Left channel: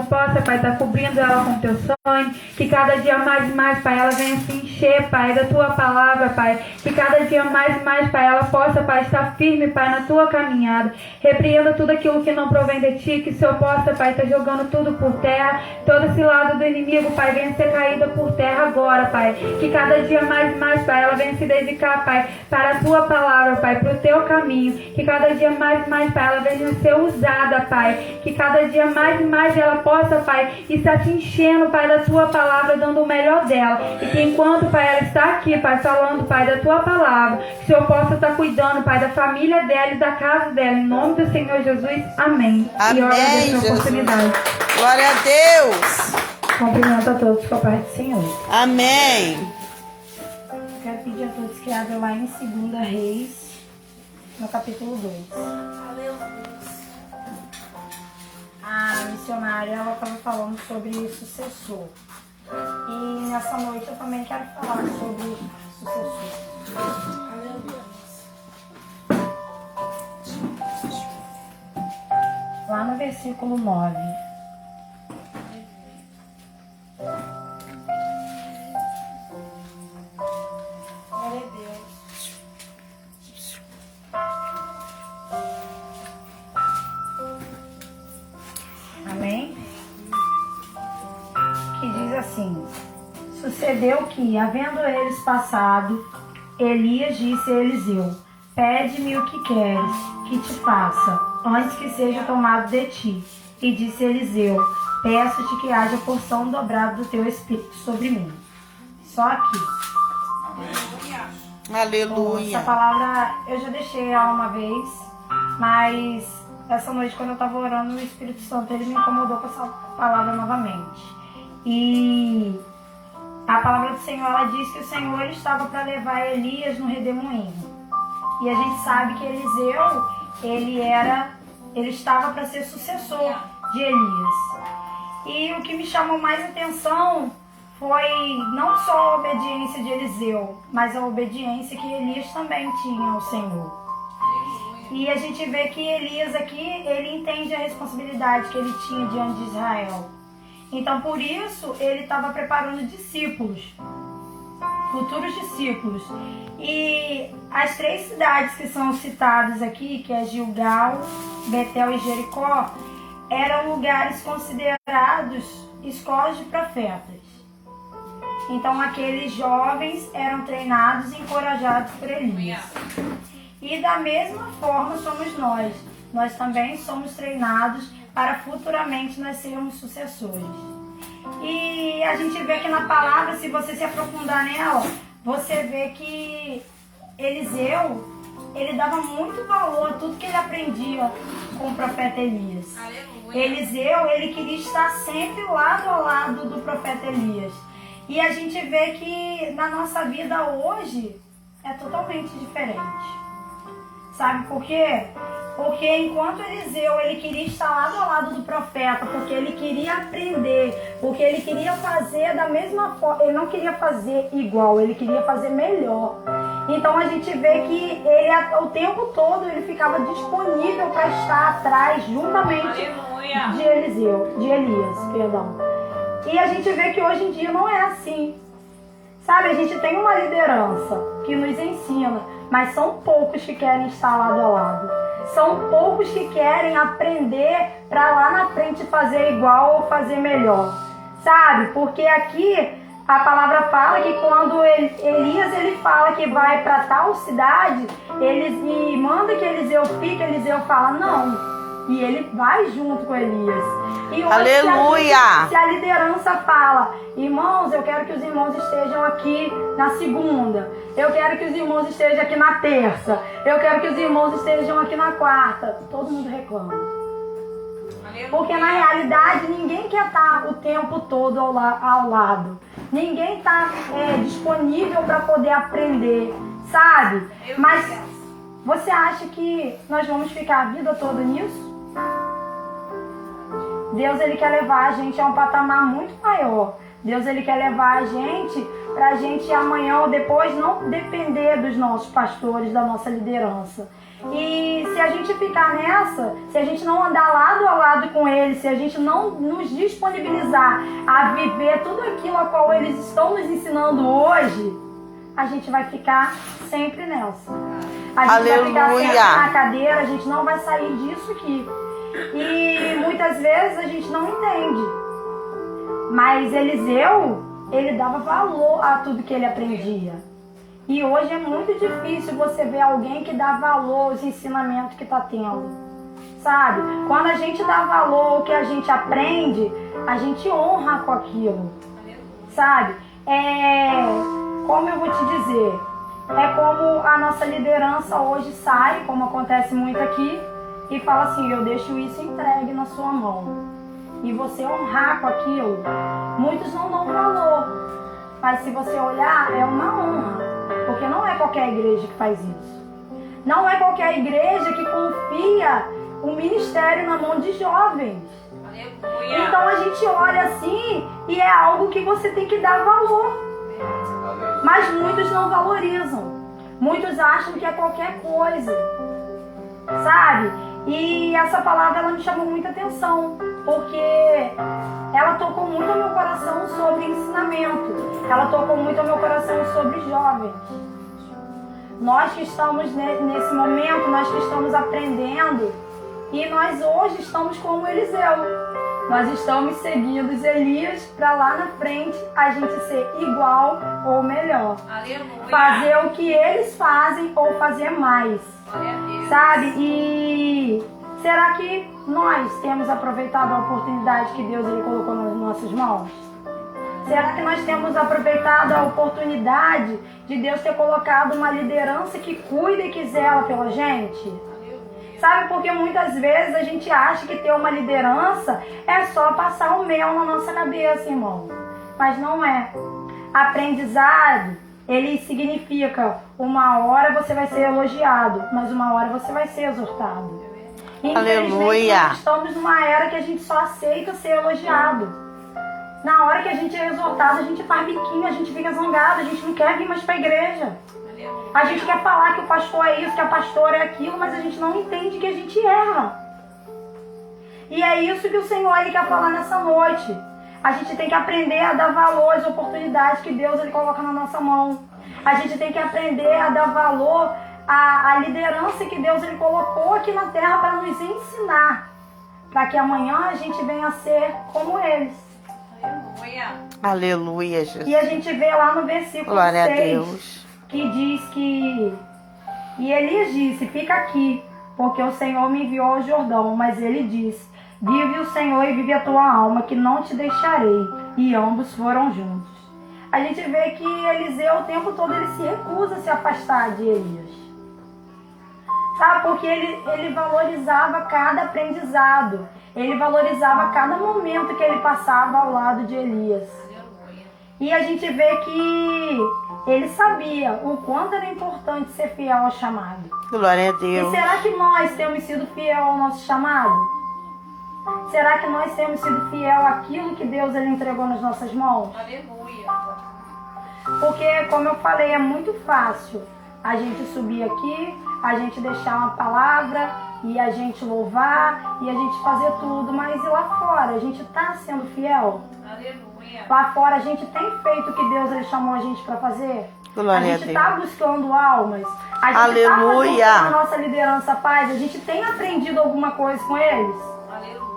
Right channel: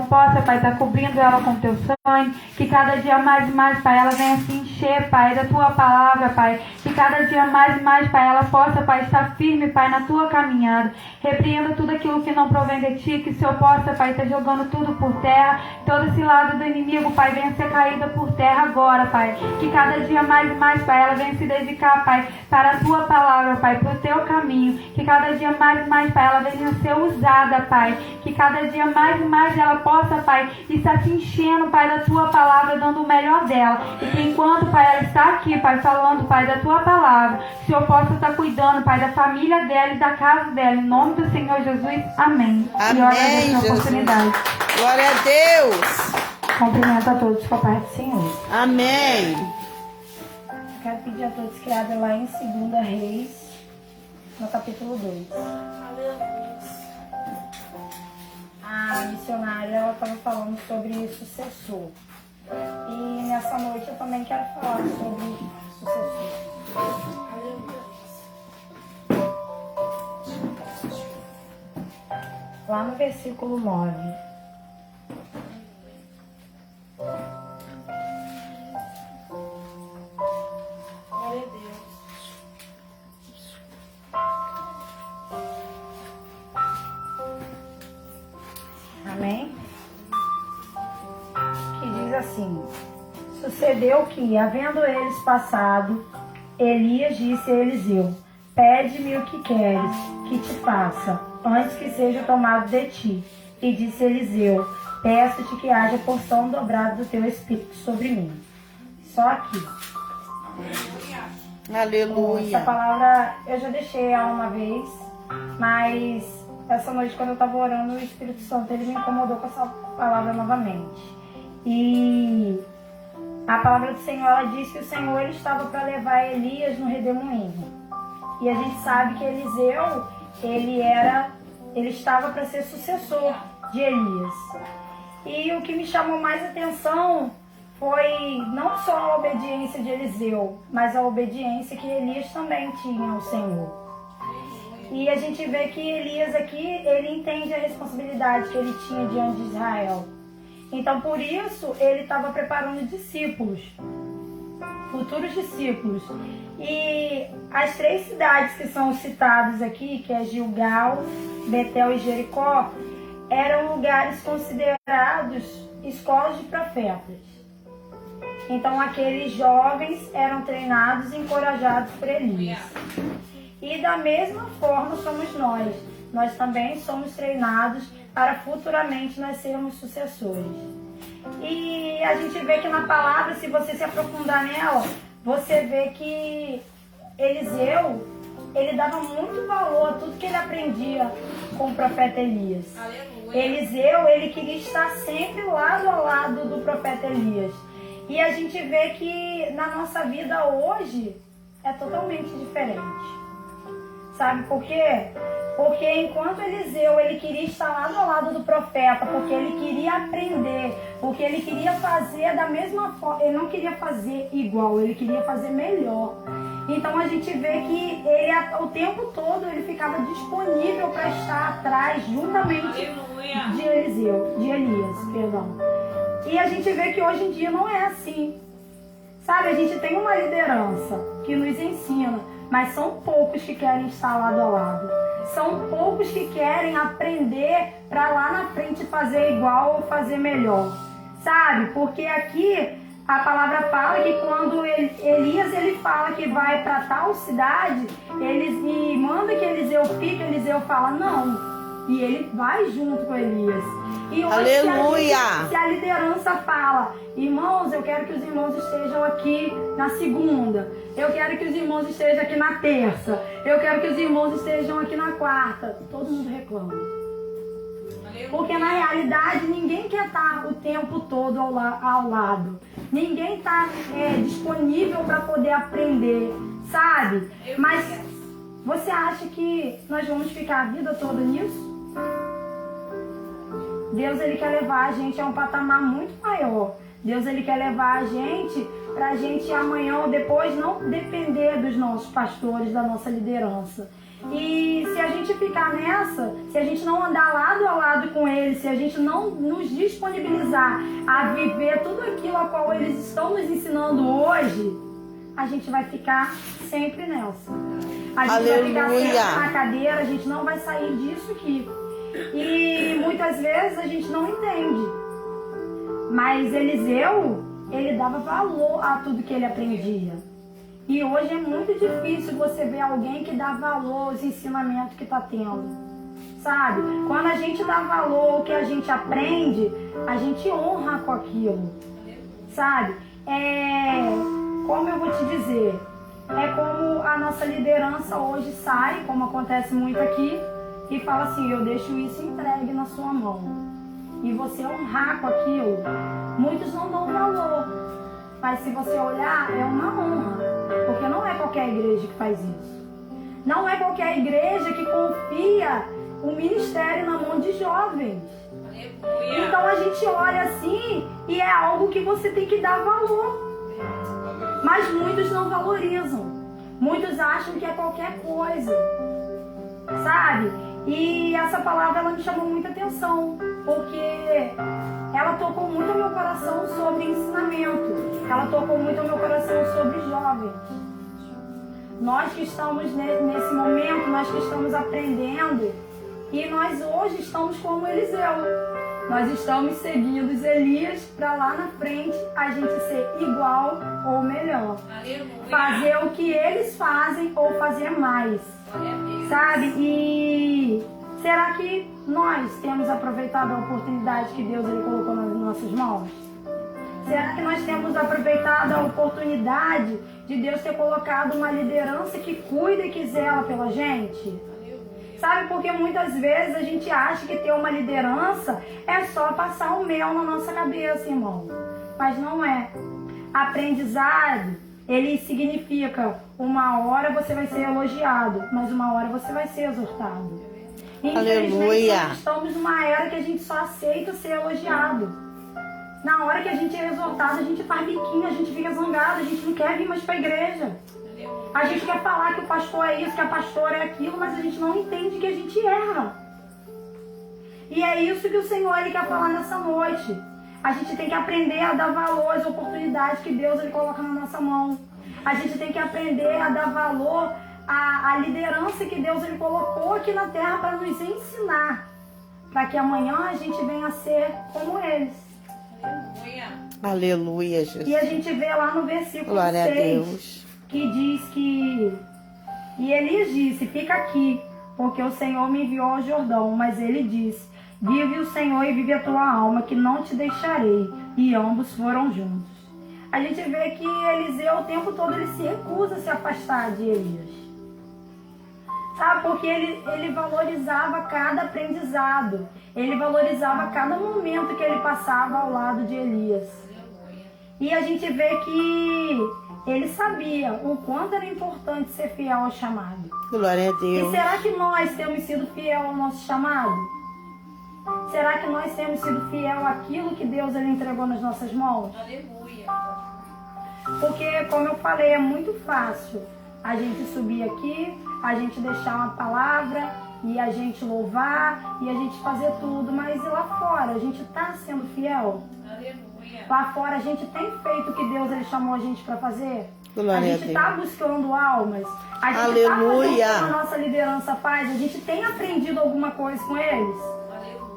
possa, Pai, estar cobrindo ela com teu sangue, que cada dia mais e mais, Pai, ela venha se encher, Pai, da tua palavra, Pai, que cada dia mais e mais, Pai, ela possa, Pai, estar firme, Pai, na tua caminhada, repreenda tudo aquilo que não provém de ti, que o Senhor possa, Pai, estar jogando tudo por terra, todo esse lado do inimigo, Pai, venha ser caída por terra agora, Pai, que cada dia mais e mais, Pai, ela venha se dedicar, Pai, para a tua palavra, Pai, para o teu caminho, que cada dia mais e mais, Pai, ela venha ser usada, Pai, que cada dia mais e mais ela possa, Pai, estar se enchendo, Pai, da tua palavra, dando o melhor dela. E que enquanto, Pai, ela está aqui, Pai, falando, Pai, da tua palavra, que o Senhor possa estar cuidando, Pai, da família dela e da casa dela. Em nome do Senhor Jesus. Amém. Amém, e eu agradeço a oportunidade. Glória a Deus. Cumprimento a todos com a paz do Senhor. Amém. Quero pedir a todos que abram lá em 2 Reis, no capítulo 2. A missionária, ela estava falando sobre sucessor. E nessa noite eu também quero falar sobre sucessor. Lá no versículo 9. Glória a Deus. Amém? Que diz assim: sucedeu que, havendo eles passado, Elias disse a Eliseu: pede-me o que queres que te faça, antes que seja tomado de ti. E disse Eliseu: peço-te que haja porção dobrada do teu espírito sobre mim. Só aqui. Aleluia. Essa palavra eu já deixei ela uma vez, mas essa noite, quando eu estava orando, o Espírito Santo ele me incomodou com essa palavra novamente. E a palavra do Senhor, ela diz que o Senhor ele estava para levar Elias no redemoinho. E a gente sabe que Eliseu, ele estava para ser sucessor de Elias. E o que me chamou mais atenção foi não só a obediência de Eliseu, mas a obediência que Elias também tinha ao Senhor. E a gente vê que Elias aqui, ele entende a responsabilidade que ele tinha diante de Israel. Então, por isso, ele estava preparando discípulos, futuros discípulos. E as 3 cidades que são citadas aqui, que é Gilgal, Betel e Jericó, eram lugares considerados escolas de profetas. Então, aqueles jovens eram treinados e encorajados por Elias. E da mesma forma somos nós. Nós também somos treinados para futuramente nós sermos sucessores. E a gente vê que na palavra, se você se aprofundar nela, você vê que Eliseu, ele dava muito valor a tudo que ele aprendia com o profeta Elias. Aleluia. Eliseu, ele queria estar sempre lado a lado do profeta Elias. E a gente vê que na nossa vida hoje é totalmente diferente. Sabe por quê? Porque enquanto Eliseu, ele queria estar lado a lado do profeta, porque ele queria aprender, porque ele queria fazer da mesma forma, ele não queria fazer igual, ele queria fazer melhor. Então a gente vê que ele, o tempo todo, ele ficava disponível para estar atrás, juntamente de Elias, perdão. E a gente vê que hoje em dia não é assim. Sabe, a gente tem uma liderança que nos ensina, mas são poucos que querem estar lado a lado. São poucos que querem aprender para lá na frente fazer igual ou fazer melhor. Sabe, porque aqui a palavra fala que quando Elias ele fala que vai para tal cidade, e manda que Eliseu fique, Eliseu fala não. E ele vai junto com Elias. E aleluia! Se a liderança fala, irmãos, eu quero que os irmãos estejam aqui na segunda. Eu quero que os irmãos estejam aqui na terça. Eu quero que os irmãos estejam aqui na quarta. Todo mundo reclama. Porque na realidade ninguém quer estar o tempo todo ao lado. Ninguém está disponível para poder aprender, sabe? Mas você acha que nós vamos ficar a vida toda nisso? Deus ele quer levar a gente a um patamar muito maior. Deus ele quer levar a gente para a gente amanhã ou depois não depender dos nossos pastores, da nossa liderança. E se a gente ficar nessa, se a gente não andar lado a lado com eles, se a gente não nos disponibilizar a viver tudo aquilo a qual eles estão nos ensinando hoje, a gente vai ficar sempre nessa. A gente vai ficar sempre na cadeira, a gente não vai sair disso aqui. E muitas vezes a gente não entende. Mas Eliseu, ele dava valor a tudo que ele aprendia. E hoje é muito difícil você ver alguém que dá valor aos ensinamentos que está tendo. Sabe? Quando a gente dá valor ao que a gente aprende, a gente honra com aquilo. Sabe? Como eu vou te dizer? É como a nossa liderança hoje sai, como acontece muito aqui, e fala assim, eu deixo isso entregue na sua mão. E você honrar com aquilo. Muitos não dão valor, mas se você olhar, é uma honra. Porque não é qualquer igreja que faz isso. Não é qualquer igreja que confia o ministério na mão de jovens. Aleluia. Então a gente olha assim e é algo que você tem que dar valor. Mas muitos não valorizam. Muitos acham que é qualquer coisa. Sabe? E essa palavra ela me chamou muita atenção. Porque ela tocou muito ao meu coração sobre ensinamento. Ela tocou muito ao meu coração sobre jovens. Nós que estamos nesse momento, nós que estamos aprendendo, e nós hoje estamos como Eliseu. Nós estamos seguindo os Elias para lá na frente a gente ser igual ou melhor. Aleluia. Fazer o que eles fazem ou fazer mais. Sabe? E será que nós temos aproveitado a oportunidade que Deus ele colocou nas nossas mãos? Será que nós temos aproveitado a oportunidade de Deus ter colocado uma liderança que cuida e que zela pela gente? Sabe, porque muitas vezes a gente acha que ter uma liderança é só passar o mel na nossa cabeça, irmão. Mas não é. Aprendizado, ele significa uma hora você vai ser elogiado, mas uma hora você vai ser exortado. Aleluia. Nós estamos numa era que a gente só aceita ser elogiado. Na hora que a gente é exortado, a gente faz biquinho, a gente fica zangado, a gente não quer vir mais para a igreja. A gente quer falar que o pastor é isso, que a pastora é aquilo, mas a gente não entende que a gente erra. E é isso que o Senhor ele quer falar nessa noite. A gente tem que aprender a dar valor às oportunidades que Deus ele coloca na nossa mão. A gente tem que aprender a dar valor à liderança que Deus ele colocou aqui na terra para nos ensinar. Para que amanhã a gente venha a ser como eles. Aleluia. Aleluia, Jesus. E a gente vê lá no versículo 6, que diz que... E Elias disse, fica aqui, porque o Senhor me enviou ao Jordão. Mas ele disse, vive o Senhor e vive a tua alma, que não te deixarei. E ambos foram juntos. A gente vê que Eliseu, o tempo todo, ele se recusa a se afastar de Elias. Sabe? Porque ele valorizava cada aprendizado. Ele valorizava cada momento que ele passava ao lado de Elias. E a gente vê que ele sabia o quanto era importante ser fiel ao chamado. Glória a Deus. E será que nós temos sido fiel ao nosso chamado? Será que nós temos sido fiel àquilo que Deus ele entregou nas nossas mãos? Aleluia. Porque, como eu falei, é muito fácil a gente subir aqui, a gente deixar uma palavra e a gente louvar e a gente fazer tudo, mas e lá fora? A gente está sendo fiel? Aleluia. Lá fora a gente tem feito o que Deus ele chamou a gente para fazer? Glória a gente está buscando almas? A gente Aleluia. está fazendo a nossa liderança paz? A gente tem aprendido alguma coisa com eles? Aleluia.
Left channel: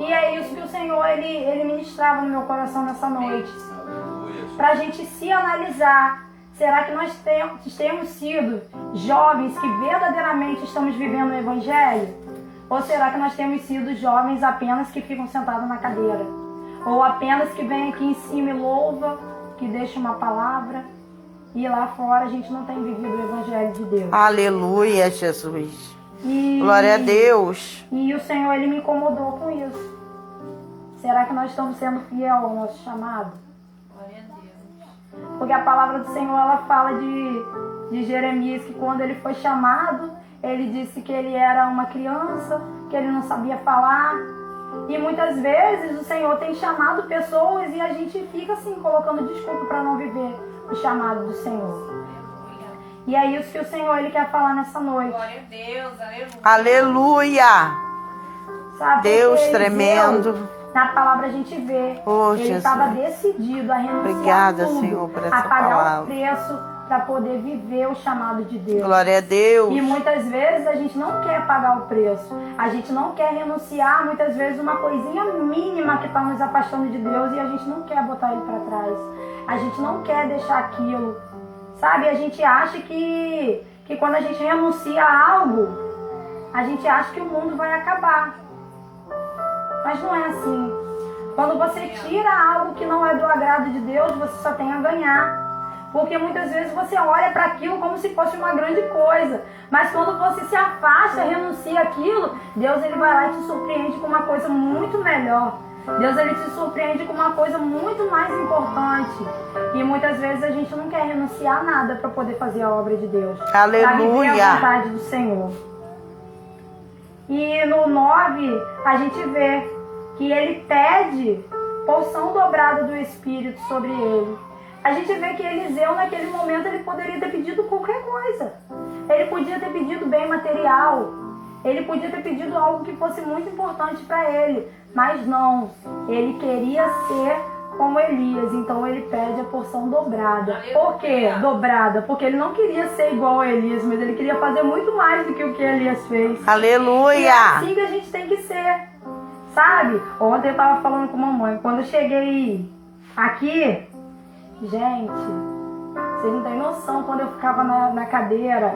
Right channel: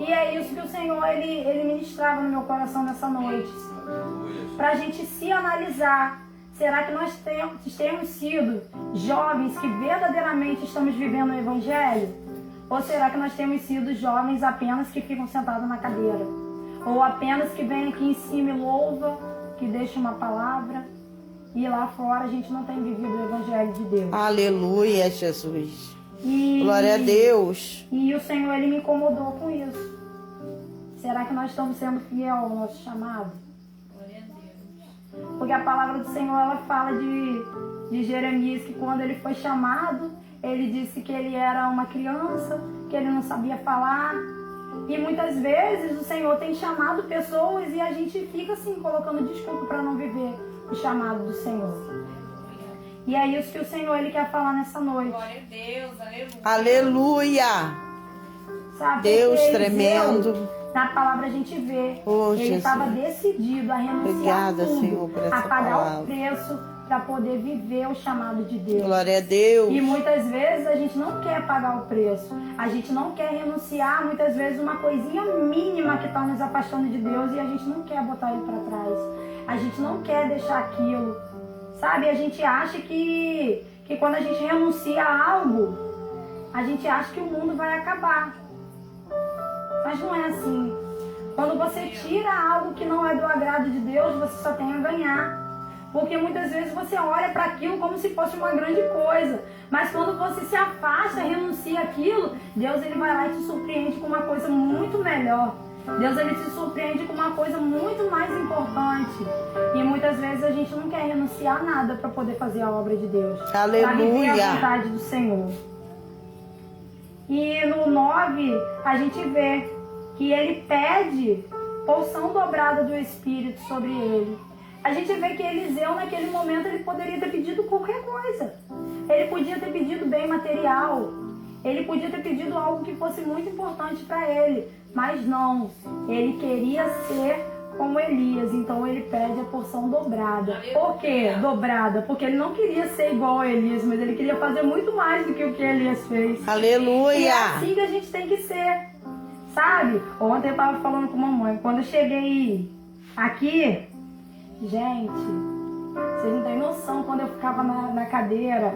E é isso que o Senhor ele ministrava no meu coração nessa noite. Para a gente se analisar. Será que nós temos sido jovens que verdadeiramente estamos vivendo o Evangelho? Ou será que nós temos sido jovens apenas que ficam sentados na cadeira? Ou apenas que vem aqui em cima e louva, que deixa uma palavra, e lá fora a gente não tem vivido o Evangelho de Deus? Aleluia, Jesus. Glória a Deus. E o Senhor ele me incomodou com isso. Será que nós estamos sendo fiéis ao nosso chamado? Porque a palavra do Senhor, ela fala de Jeremias, que quando ele foi chamado, ele disse que ele era uma criança, que ele não sabia falar. E muitas vezes o Senhor tem chamado pessoas e a gente fica assim, colocando desculpa para não viver o chamado do Senhor. E é isso que o Senhor ele quer falar nessa noite. Glória a Deus, aleluia. Aleluia. Sabe? Deus Porque tremendo. Eliseu, na palavra a gente vê, Oh, ele Jesus. estava decidido a renunciar Obrigada, tudo, Senhor, por essa a pagar palavra. o preço para poder viver o chamado de Deus. Glória a Deus. E muitas vezes a gente não quer pagar o preço, a gente não quer renunciar, muitas vezes uma coisinha mínima que está nos afastando de Deus e a gente não quer botar ele para trás, a gente não quer deixar aquilo, sabe? A gente acha que quando a gente renuncia a algo, a gente acha que o mundo vai acabar, mas não é assim. Quando você tira algo que não é do agrado de Deus, você só tem a ganhar. Porque muitas vezes você olha para aquilo como se fosse uma grande coisa. Mas quando você se afasta, renuncia aquilo, Deus ele vai lá e te surpreende com uma coisa muito melhor. Deus ele te surpreende com uma coisa muito mais importante. E muitas vezes a gente não quer renunciar a nada para poder fazer a obra de Deus. Aleluia. Para viver a vontade do Senhor. E no 9, a gente vê que ele pede porção dobrada do Espírito sobre ele. A gente vê que Eliseu, naquele momento, ele poderia ter pedido qualquer coisa. Ele podia ter pedido bem material. Ele podia ter pedido algo que fosse muito importante para ele. Mas não. Ele queria ser como Elias. Então ele pede a porção dobrada. Por quê? Dobrada. Porque ele não queria ser igual a Elias, mas ele queria fazer muito mais do que o que Elias fez. Aleluia. E é assim que a gente tem que ser. Sabe? Ontem eu tava falando com a mamãe. Quando eu cheguei aqui... Gente, vocês não têm noção quando eu ficava na cadeira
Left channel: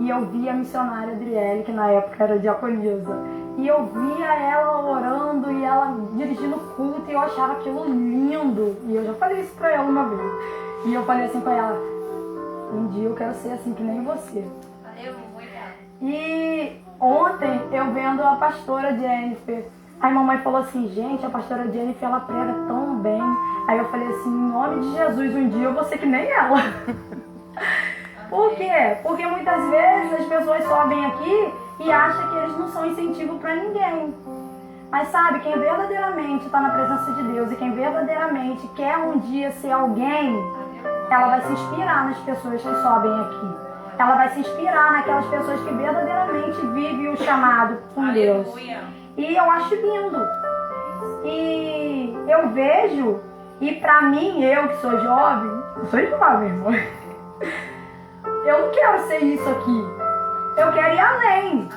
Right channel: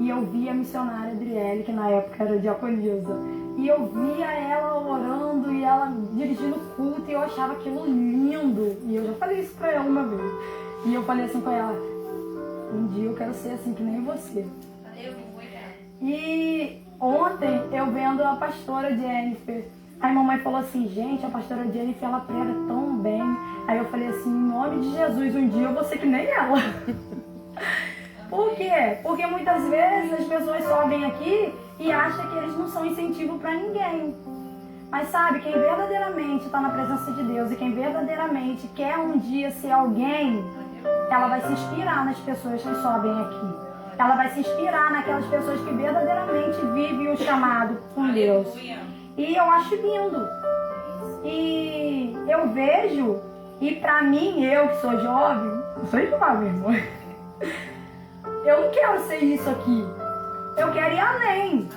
e eu via a missionária Adriele, que na época era diaconisa, e eu via ela orando e ela dirigindo o culto e eu achava aquilo lindo. E eu já falei isso pra ela uma vez. E eu falei assim pra ela, um dia eu quero ser assim que nem você. Aleluia. E ontem eu vendo a pastora Jennifer, aí a mamãe falou assim, gente, a pastora Jennifer ela prega tão bem. Aí eu falei assim, em nome de Jesus, um dia eu vou ser que nem ela. Por quê? Porque muitas vezes as pessoas sobem aqui e acham que eles não são incentivo para ninguém. Mas sabe, quem verdadeiramente está na presença de Deus e quem verdadeiramente quer um dia ser alguém, ela vai se inspirar nas pessoas que sobem aqui. Ela vai se inspirar naquelas pessoas que verdadeiramente vivem o chamado com Deus. E eu acho lindo. E eu vejo, e pra mim, eu que sou jovem, eu sou jovem, irmão. Eu não quero ser isso aqui. Eu quero ir além.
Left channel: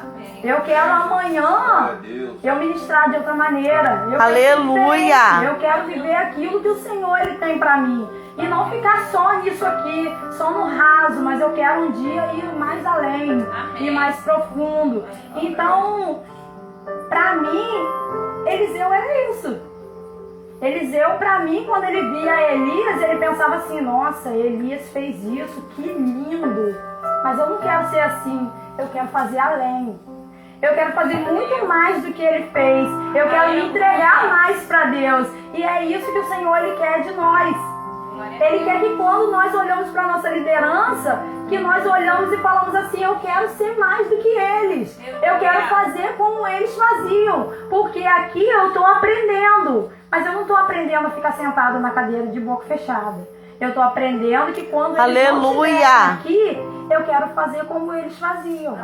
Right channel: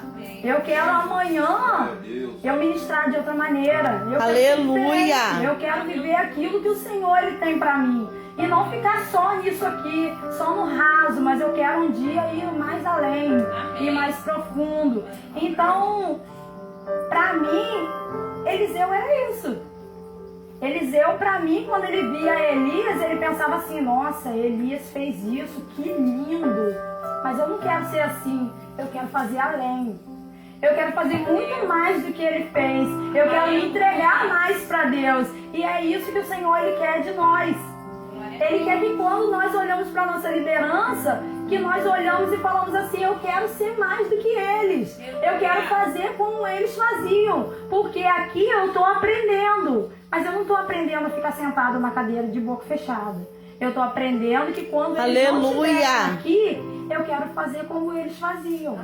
Eu quero amanhã eu ministrar de outra maneira. Eu Aleluia. eu quero viver aquilo que o Senhor ele tem pra mim. E não ficar só nisso aqui, só no raso, mas eu quero um dia ir mais além, ir mais profundo. Então, pra mim, Eliseu era isso. Eliseu, pra mim, quando ele via Elias, ele pensava assim, nossa, Elias fez isso, que lindo. Mas eu não quero ser assim, eu quero fazer além. Eu quero fazer muito mais do que ele fez. Eu quero me entregar mais pra Deus. E é isso que o Senhor ele quer de nós. Ele quer que quando nós olhamos para a nossa liderança, que nós olhamos e falamos assim, eu quero ser mais do que eles. Eu quero fazer como eles faziam. Porque aqui eu estou aprendendo. Mas eu não estou aprendendo a ficar sentado na cadeira de boca fechada. Eu estou aprendendo que quando eles não estiverem aqui, eu quero fazer como eles faziam.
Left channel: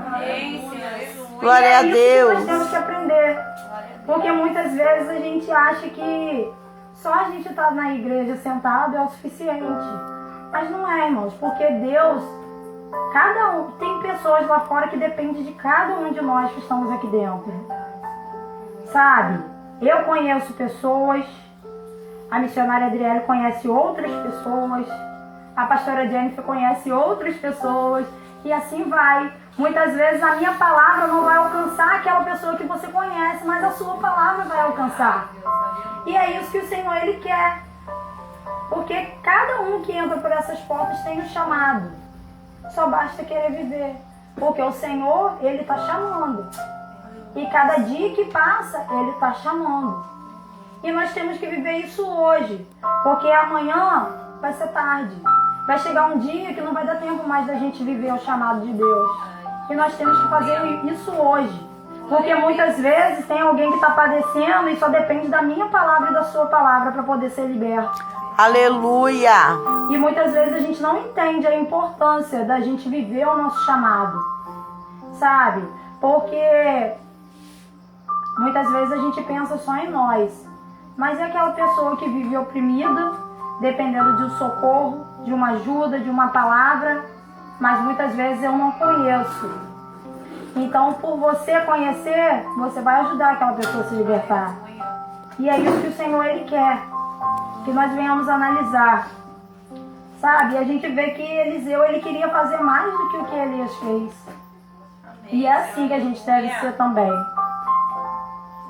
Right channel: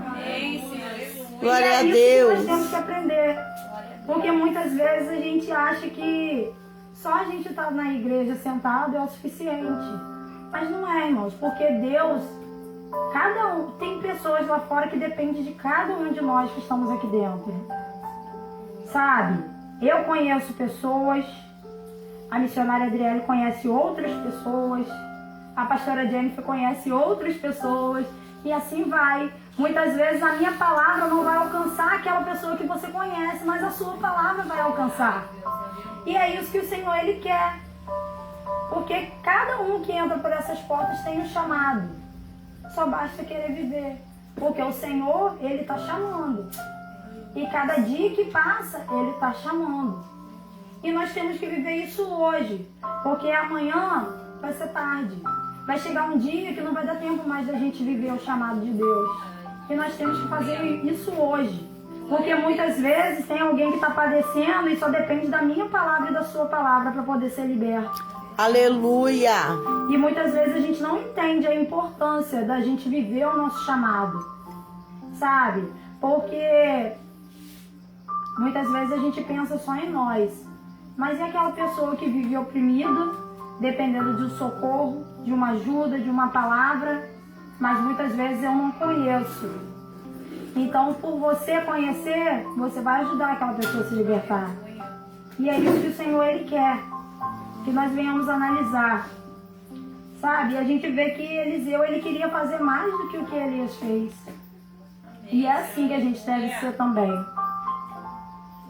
Glória a Deus. E é isso que nós temos que aprender. Porque muitas vezes a gente acha que só a gente estar na igreja sentado é o suficiente. Mas não é, irmãos. Porque Deus, cada um, tem pessoas lá fora que dependem de cada um de nós que estamos aqui dentro. Sabe? Eu conheço pessoas, a missionária Adriele conhece outras pessoas, a pastora Jennifer conhece outras pessoas, e assim vai. Muitas vezes a minha palavra não vai alcançar aquela pessoa que você conhece, mas a sua palavra vai alcançar. E é isso que o Senhor ele quer. Porque cada um que entra por essas portas tem um chamado. Só basta querer viver. Porque o Senhor, ele está chamando. E cada dia que passa, ele está chamando. E nós temos que viver isso hoje. Porque amanhã vai ser tarde. Vai chegar um dia que não vai dar tempo mais da gente viver o chamado de Deus. E nós temos que fazer isso hoje. Porque muitas vezes tem alguém que está padecendo e só depende da minha palavra e da sua palavra para poder ser liberto. Aleluia. E muitas vezes a gente não entende a importância da gente viver o nosso chamado, sabe? Porque muitas vezes a gente pensa só em nós, mas é aquela pessoa que vive oprimida, dependendo de um socorro, de uma ajuda, de uma palavra, mas muitas vezes eu não conheço. Então, por você conhecer, você vai ajudar aquela pessoa a se libertar. E é isso que o Senhor, Ele quer, que nós venhamos analisar, sabe? E a gente vê que Eliseu, ele queria fazer mais do que o que Elias fez. E é assim que a gente deve ser também.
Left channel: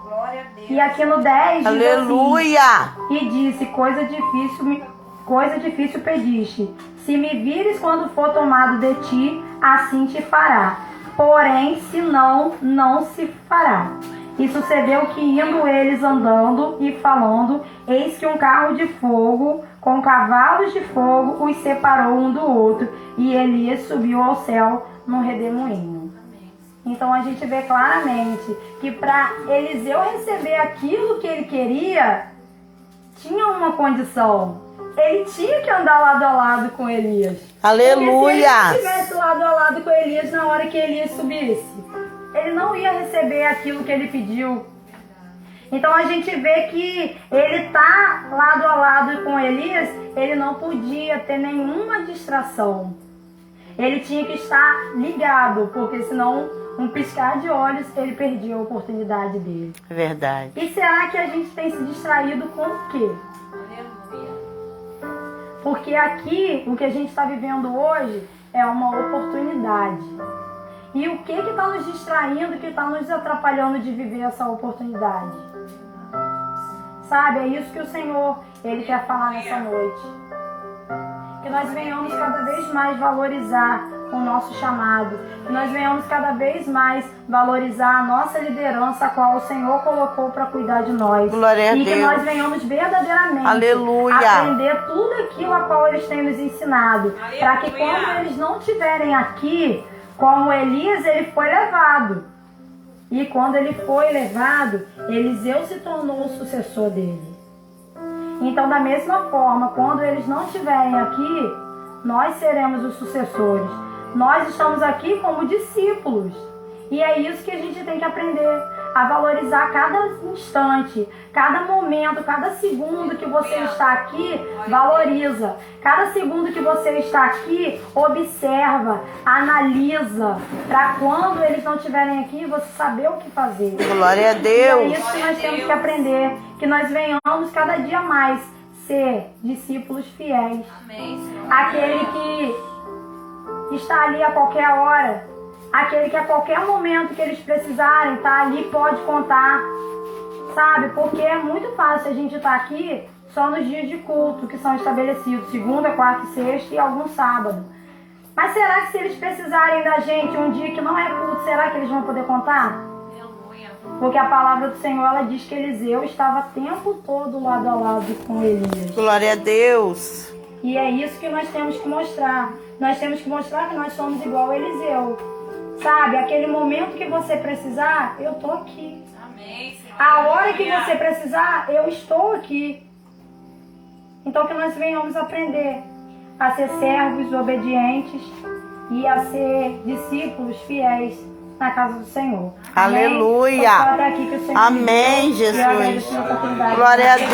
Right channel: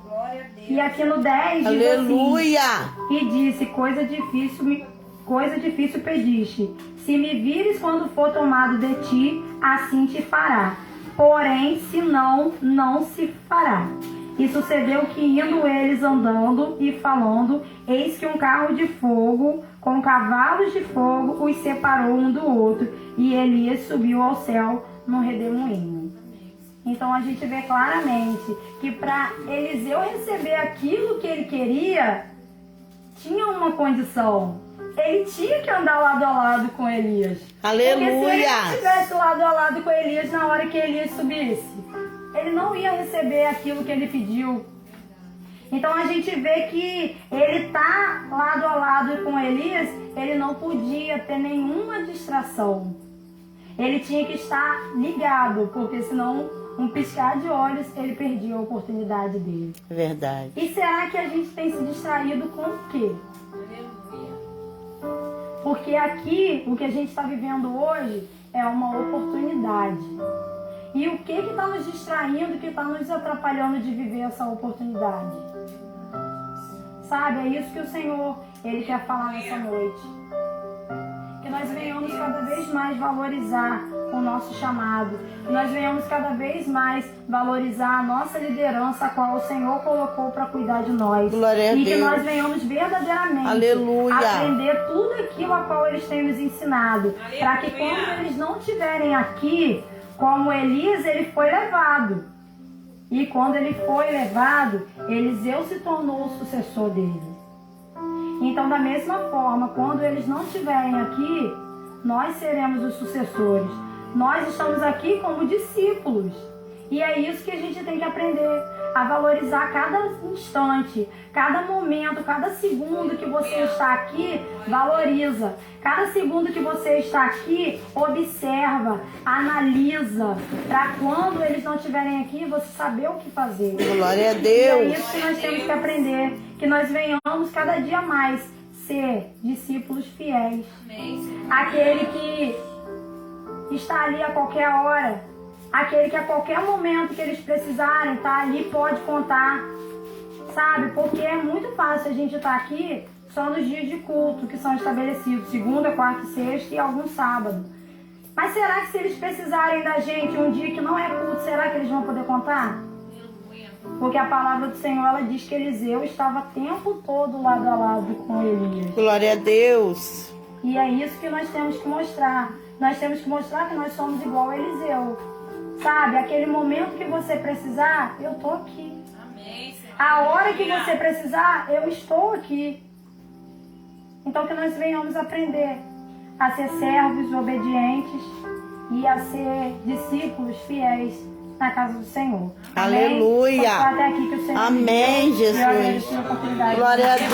Glória a Deus. E aqui no 10 diz Aleluia. assim, e disse, coisa difícil pediste. Se me vires quando for tomado de ti, assim te fará. Porém, se não, não se fará. E sucedeu que, indo eles andando e falando, eis que um carro de fogo, com cavalos de fogo, os separou um do outro. E Elias subiu ao céu num redemoinho. Então a gente vê claramente que para Eliseu receber aquilo que ele queria, tinha uma condição. Ele tinha que andar lado a lado com Elias. Aleluia. Porque se ele estivesse lado a lado com Elias na hora que Elias subisse, ele não ia receber aquilo que ele pediu. Então a gente vê que ele tá lado a lado com Elias, ele não podia ter nenhuma distração. Ele tinha que estar ligado, porque senão, um piscar de olhos, ele perdia a oportunidade dele. Verdade. E será que a gente tem se distraído com o quê? Aleluia. Porque aqui, o que a gente está vivendo hoje é uma oportunidade. E o que está nos distraindo, que está nos atrapalhando de viver essa oportunidade? Sabe, é isso que o Senhor, Ele quer falar nessa noite. Que nós venhamos cada vez mais valorizar o nosso chamado. Que nós venhamos cada vez mais valorizar a nossa liderança, a qual o Senhor colocou para cuidar de nós. Glória a e que Deus. nós venhamos verdadeiramente Aleluia. aprender tudo aquilo a qual eles têm nos ensinado. Para que quando eles não estiverem aqui, como Elias, ele foi levado. E quando ele foi levado, Eliseu se tornou o sucessor dele. Então, da mesma forma, quando eles não estiverem aqui, nós seremos os sucessores. Nós estamos aqui como discípulos. E é isso que a gente tem que aprender, a valorizar cada instante, cada momento, cada segundo que você está aqui, valoriza. Cada segundo que você está aqui, observa, analisa, para quando eles não estiverem aqui, você saber o que fazer. Glória a E é Deus. isso que nós temos que aprender, que nós venhamos cada dia mais ser discípulos fiéis. Amém, Senhor. Aquele que está ali a qualquer hora, aquele que a qualquer momento que eles precisarem, tá ali, pode contar, sabe? Porque é muito fácil a gente estar aqui só nos dias de culto que são estabelecidos, segunda, quarta e sexta e algum sábado. Mas será que se eles precisarem da gente um dia que não é culto, será que eles vão poder contar? Aleluia. Porque a palavra do Senhor, ela diz que Eliseu estava o tempo todo lado a lado com Elias. Glória a Deus. E é isso que nós temos que mostrar. Nós temos que mostrar que nós somos igual a Eliseu. Sabe, aquele momento que você precisar, eu tô aqui. Amém, Senhor. A hora que Aleluia. você precisar, eu estou aqui. Então que nós venhamos aprender a ser servos obedientes e a ser discípulos fiéis na casa do Senhor. Aleluia. Amém? Até aqui que o Senhor Amém, me deu. E eu Jesus. agradeço a oportunidade. Glória a Deus.